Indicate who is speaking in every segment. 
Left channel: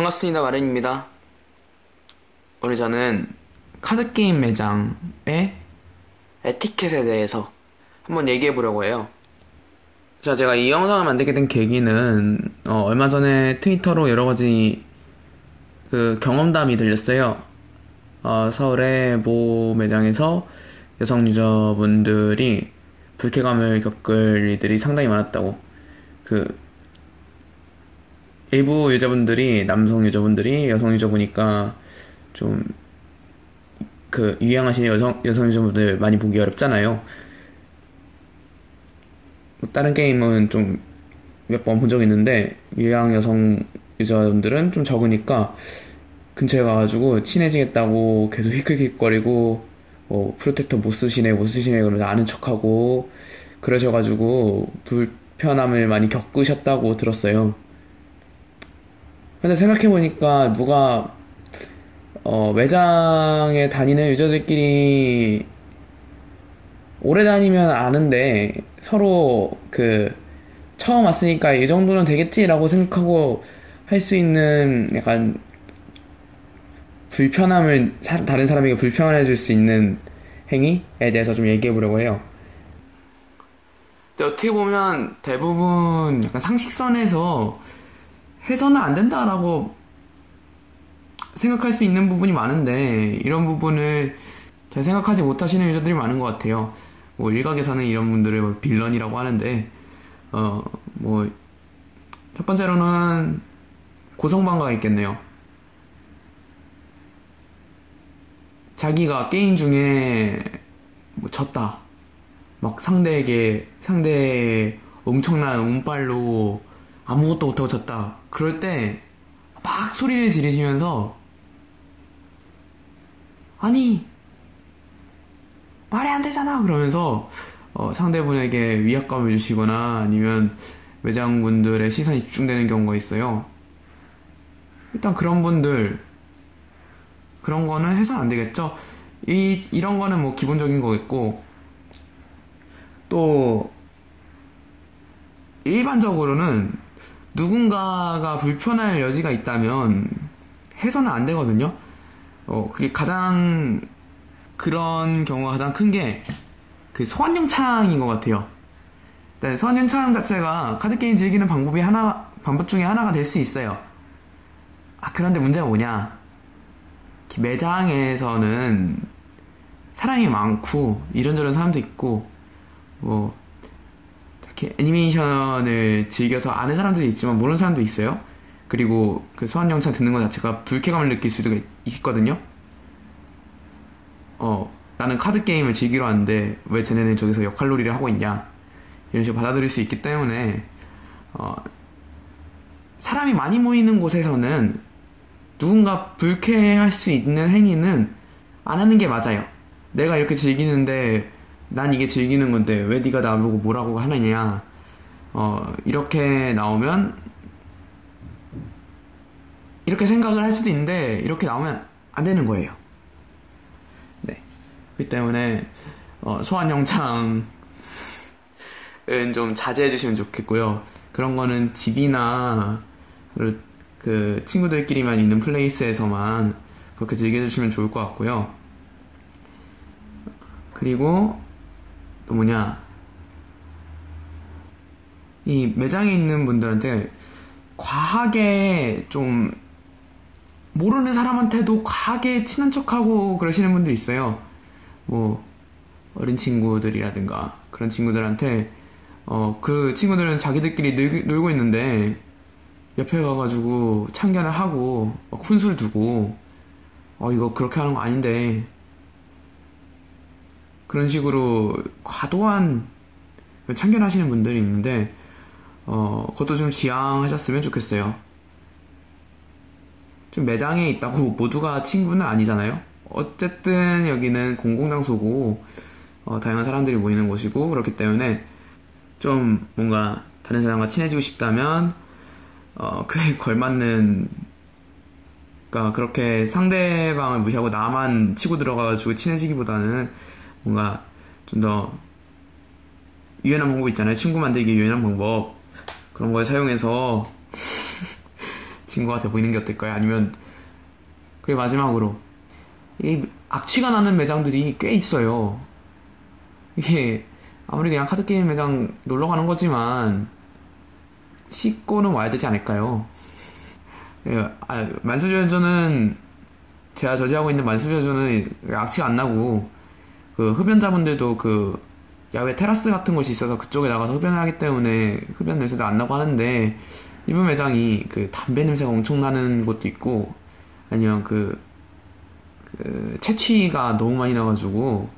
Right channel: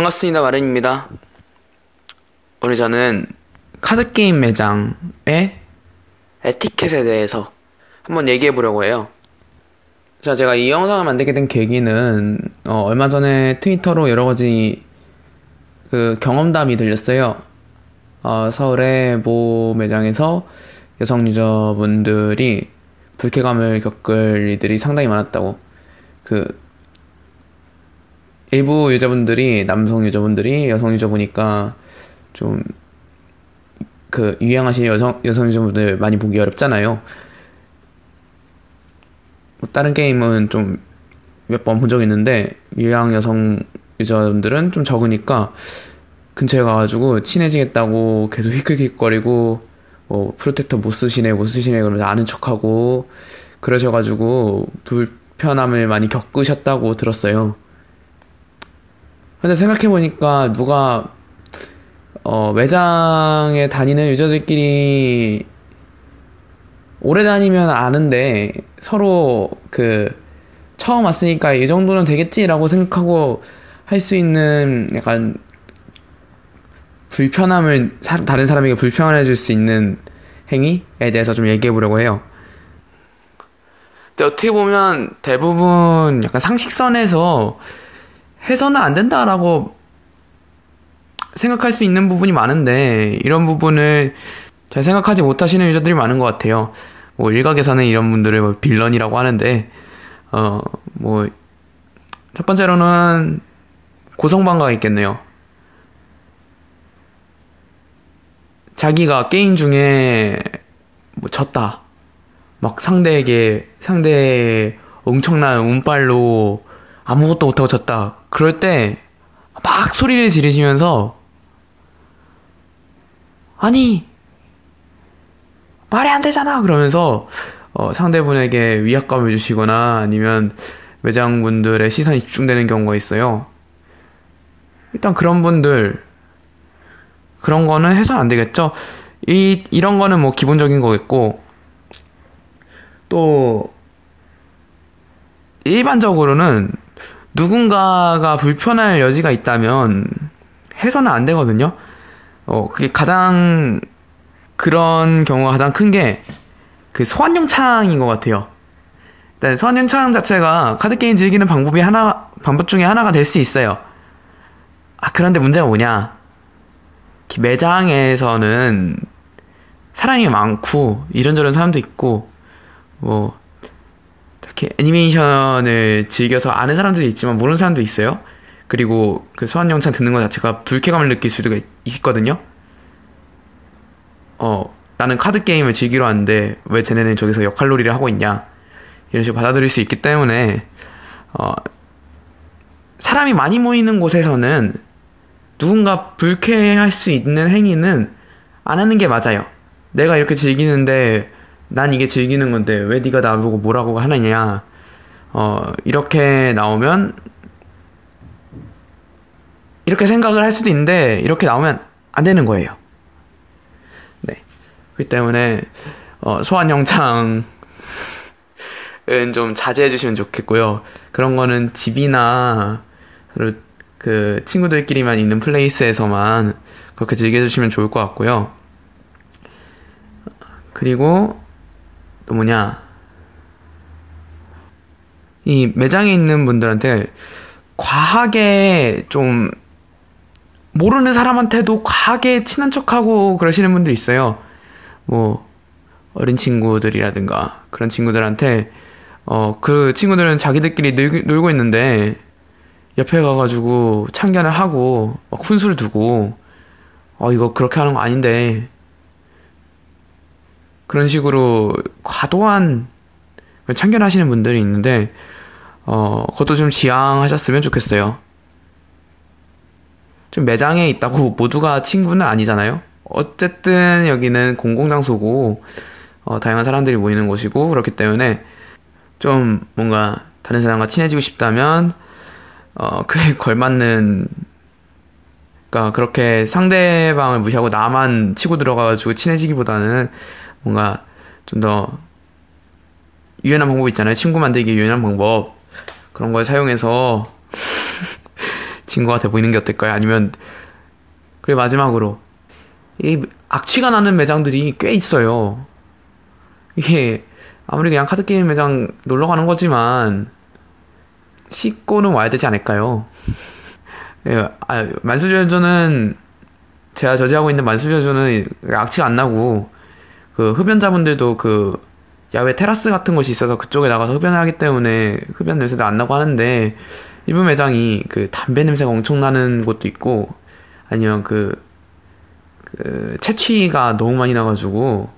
Speaker 1: 반갑습니다. 마른입니다. 오늘 저는 카드게임 매장의 에티켓에 대해서 한번 얘기해 보려고 해요. 자, 제가 이 영상을 만들게 된 계기는, 어, 얼마 전에 트위터로 여러 가지 그 경험담이 들렸어요. 어, 서울의 모 매장에서 여성 유저분들이 불쾌감을 겪을 일들이 상당히 많았다고. 그, 일부 유저분들이, 남성 유저분들이 여성 유저 보니까 좀, 그, 유행하신 여성, 여성 유저분들 많이 보기 어렵잖아요. 뭐 다른 게임은 좀 몇 번 본 적 있는데, 유양 여성 유저분들은 좀 적으니까, 근처에 가가지고 친해지겠다고 계속 히크히크거리고 뭐 프로텍터 못 쓰시네 못 쓰시네 그러면서 아는 척하고 그러셔가지고 불편함을 많이 겪으셨다고 들었어요. 근데 생각해보니까 누가 어, 매장에 다니는 유저들끼리 오래 다니면 아는데 서로 그 처음 왔으니까 이 정도는 되겠지라고 생각하고 할 수 있는 약간 불편함을 사, 다른 사람에게 불편을 해줄 수 있는 행위에 대해서 좀 얘기해 보려고 해요. 근데 어떻게 보면 대부분 약간 상식선에서 해서는 안 된다라고 생각할 수 있는 부분이 많은데 이런 부분을 잘 생각하지 못하시는 유저들이 많은 것 같아요. 뭐 일각에서는 이런 분들을 뭐 빌런이라고 하는데 어 뭐 첫 번째로는 고성방가가 있겠네요. 자기가 게임 중에 뭐 졌다. 막 상대에게 상대의 엄청난 운빨로 아무것도 못하고 졌다. 그럴 때 막 소리를 지르시면서 아니 말이 안 되잖아 그러면서 어, 상대분에게 위압감을 주시거나 아니면 매장분들의 시선이 집중되는 경우가 있어요. 일단 그런 분들 그런 거는 해서는 안 되겠죠. 이, 이런 거는 뭐 기본적인 거겠고, 또, 일반적으로는 누군가가 불편할 여지가 있다면 해서는 안 되거든요. 어, 그게 가장, 그런 경우가 가장 큰 게 그 소환용 창인 것 같아요. 일단 소환용 창 자체가 카드 게임 즐기는 방법이 하나, 방법 중에 하나가 될 수 있어요. 아, 그런데 문제가 뭐냐. 매장에서는 사람이 많고 이런저런 사람도 있고 뭐 이렇게 애니메이션을 즐겨서 아는 사람들도 있지만 모르는 사람도 있어요. 그리고 그 소환 영상 듣는 것 자체가 불쾌감을 느낄 수도 있거든요. 어, 나는 카드 게임을 즐기러 왔는데 왜 쟤네는 저기서 역할놀이를 하고 있냐 이런 식으로 받아들일 수 있기 때문에 어, 사람이 많이 모이는 곳에서는 누군가 불쾌할 수 있는 행위는 안 하는 게 맞아요. 내가 이렇게 즐기는데 난 이게 즐기는 건데 왜 네가 나보고 뭐라고 하느냐. 어, 이렇게 나오면 이렇게 생각을 할 수도 있는데 이렇게 나오면 안 되는 거예요. 네. 그렇기 때문에 어, 소환 영창은 좀 자제해 주시면 좋겠고요. 그런 거는 집이나 그 친구들끼리만 있는 플레이스에서만 그렇게 즐겨 주시면 좋을 것 같고요. 그리고 또 뭐냐 이 매장에 있는 분들한테 과하게 좀 모르는 사람한테도 과하게 친한 척하고 그러시는 분들 있어요. 뭐 어린 친구들이라든가 그런 친구들한테 어 그 친구들은 자기들끼리 놀, 놀고 있는데 옆에 가가지고 참견을 하고 막 훈수를 두고 어 이거 그렇게 하는 거 아닌데 그런 식으로 과도한 참견하시는 분들이 있는데 어 그것도 좀 지양하셨으면 좋겠어요. 좀 매장에 있다고 모두가 친구는 아니잖아요. 어쨌든 여기는 공공장소고 어, 다양한 사람들이 모이는 곳이고 그렇기 때문에 좀 뭔가 다른 사람과 친해지고 싶다면 어, 그에 걸맞는, 그니까 그렇게 상대방을 무시하고 나만 치고 들어가가지고 친해지기보다는 뭔가 좀 더 유연한 방법 있잖아요. 친구 만들기 유연한 방법. 그런 걸 사용해서 친구가 돼 보이는 게 어떨까요? 아니면 그리고 마지막으로 이 악취가 나는 매장들이 꽤 있어요. 이게 아무리 그냥 카드 게임 매장 놀러 가는 거지만 씻고는 와야 되지 않을까요? 예, 아, 만수저조는 제가 저지하고 있는 만수저조는 악취가 안 나고 그 흡연자분들도 그 야외 테라스 같은 곳이 있어서 그쪽에 나가서 흡연을 하기 때문에 흡연 냄새도 안 나고 하는데 일부 매장이 그 담배 냄새가 엄청 나는 곳도 있고 아니면 그, 그 채취가 너무 많이 나가지고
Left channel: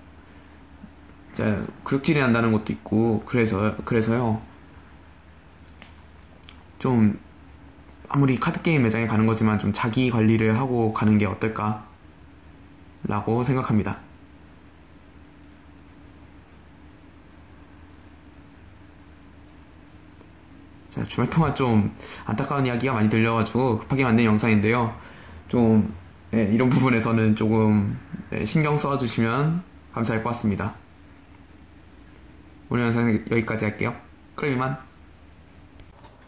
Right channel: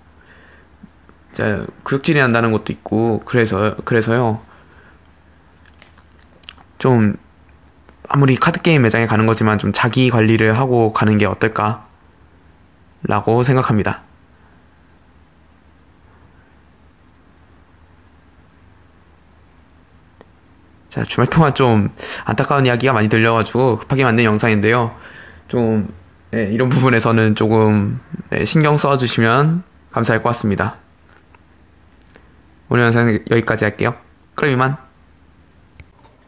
Speaker 1: 진짜 구역질이 난다는 것도 있고 그래서 그래서요 좀 아무리 카드 게임 매장에 가는 거지만 좀 자기 관리를 하고 가는 게 어떨까라고 생각합니다. 자, 주말 동안 좀 안타까운 이야기가 많이 들려가지고 급하게 만든 영상인데요. 좀, 네, 이런 부분에서는 조금 네, 신경 써주시면 감사할 것 같습니다. 오늘 영상 여기까지 할게요. 그럼 이만.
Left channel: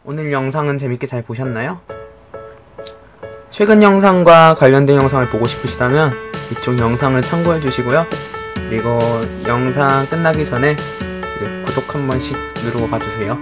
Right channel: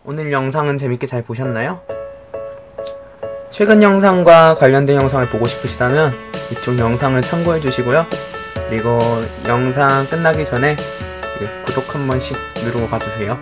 Speaker 1: 오늘 영상은 재밌게 잘 보셨나요? 최근 영상과 관련된 영상을 보고 싶으시다면 이쪽 영상을 참고해 주시고요. 그리고 영상 끝나기 전에 구독 한 번씩 누르고 가주세요.